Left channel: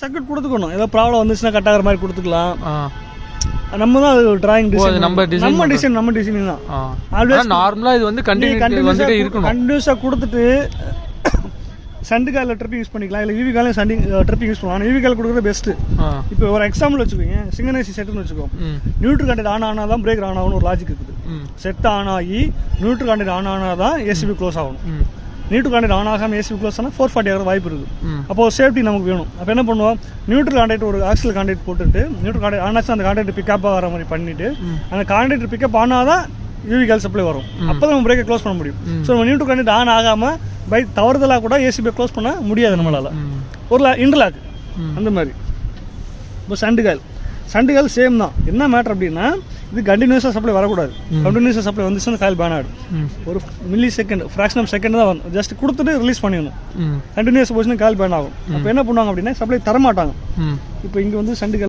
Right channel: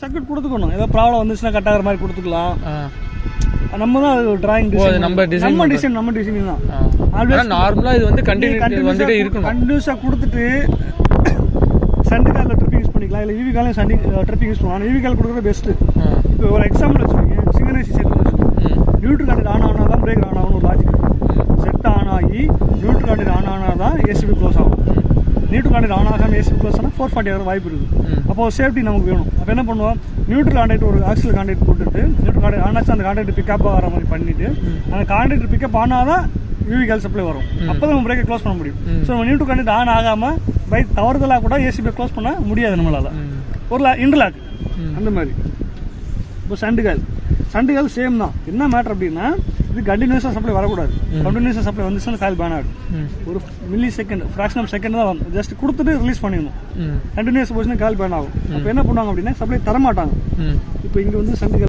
Circuit கொடுத்துக்கணும். ஏதோ problem வந்துச்சுன்னா cut ஆகிற மாதிரி கொடுத்துக்கலாம். நம்ம தான் டிராயிங் டிசைன் நம்ம டிசைன் தான். நார்மலாக இது வந்து வந்துட்டே இருக்கணும். கண்டினியூஸாக கொடுத்துட்டு சண்டு காலில் ட்ரிப்பிங் யூஸ் பண்ணிக்கலாம், இல்லை ஈவி காலையும் ட்ரிப்பிங் யூஸ் பண்ணலாம். ஈவி கால் கொடுக்குறது பெஸ்ட்டு. இப்போ ஒரு எக்ஸாம்பிள் வச்சுக்கோங்க, சிங்கனைசி செட்னு வச்சுக்கோங்க. நியூட்ரல் கான்டெக்ட் ஆன் ஆனால் தான் பிரேக் ஆன் ஆகணும் ஒரு லாஜிக். செட் ஆன் ஆகி நியூட்ரல் கான்டெக்ட் ஆன் ஆனால் தான் ஏசிபி க்ளோஸ் ஆகும். நியூட்ரல் கான்டெக்ட் ஆன் ஆகாமல் ஏசிபி க்ளோஸ் ஆனால் 440 ஆகிற வாய்ப்பு இருக்குது. அப்போ ஒரு சேஃப்டி நமக்கு வேணும். அப்போ என்ன பண்ணுவோம், நியூட்ரல் கான்டெக்ட் ஒரு ஆக்சில் கான்டெக்ட் போட்டுட்டு நியூட்ரல் கான்டெக்ட் ஆனாச்சும் அந்த கான்டெக்ட் பிக்கப் ஆகிற மாதிரி பண்ணிவிட்டு அந்த கான்டெக்ட் பிக்கப் ஆனால் தான் யூவி கால் சப்ளை வரும். அப்போ தான் நம்ம பிரேக்கை க்ளோஸ் பண்ண முடியும். ஸோ நம்ம நியூட்ரல் கான்டெக்ட் ஆன் ஆகாமல் பை தவறுதலாக கூட ஏசிபியை க்ளோஸ் பண்ண முடியாது நம்மளால். ஒரு இன்டர்லாக் அந்த மாதிரி. இப்போ சண்டுகால் சேம் தான். என்ன மேட்டர் அப்படின்னா, இது கண்டினியூஸாக சப்ளை வரக்கூடாது. கண்டினியூஸாக சப்ளை வந்துச்சுன்னா காயில் பேன் ஆகிடும். ஒரு millisecond, fraction of second தான் வரும். ஜஸ்ட் கொடுத்துட்டு ரிலீஸ் பண்ணிடணும். கண்டினியூஸ் போச்சுன்னா காயில் பேன் ஆகும். அப்போ என்ன பண்ணுவாங்க அப்படின்னா, சப்ளை தரமாட்டாங்க. இப்போ இங்கே வந்து சண்டுகால்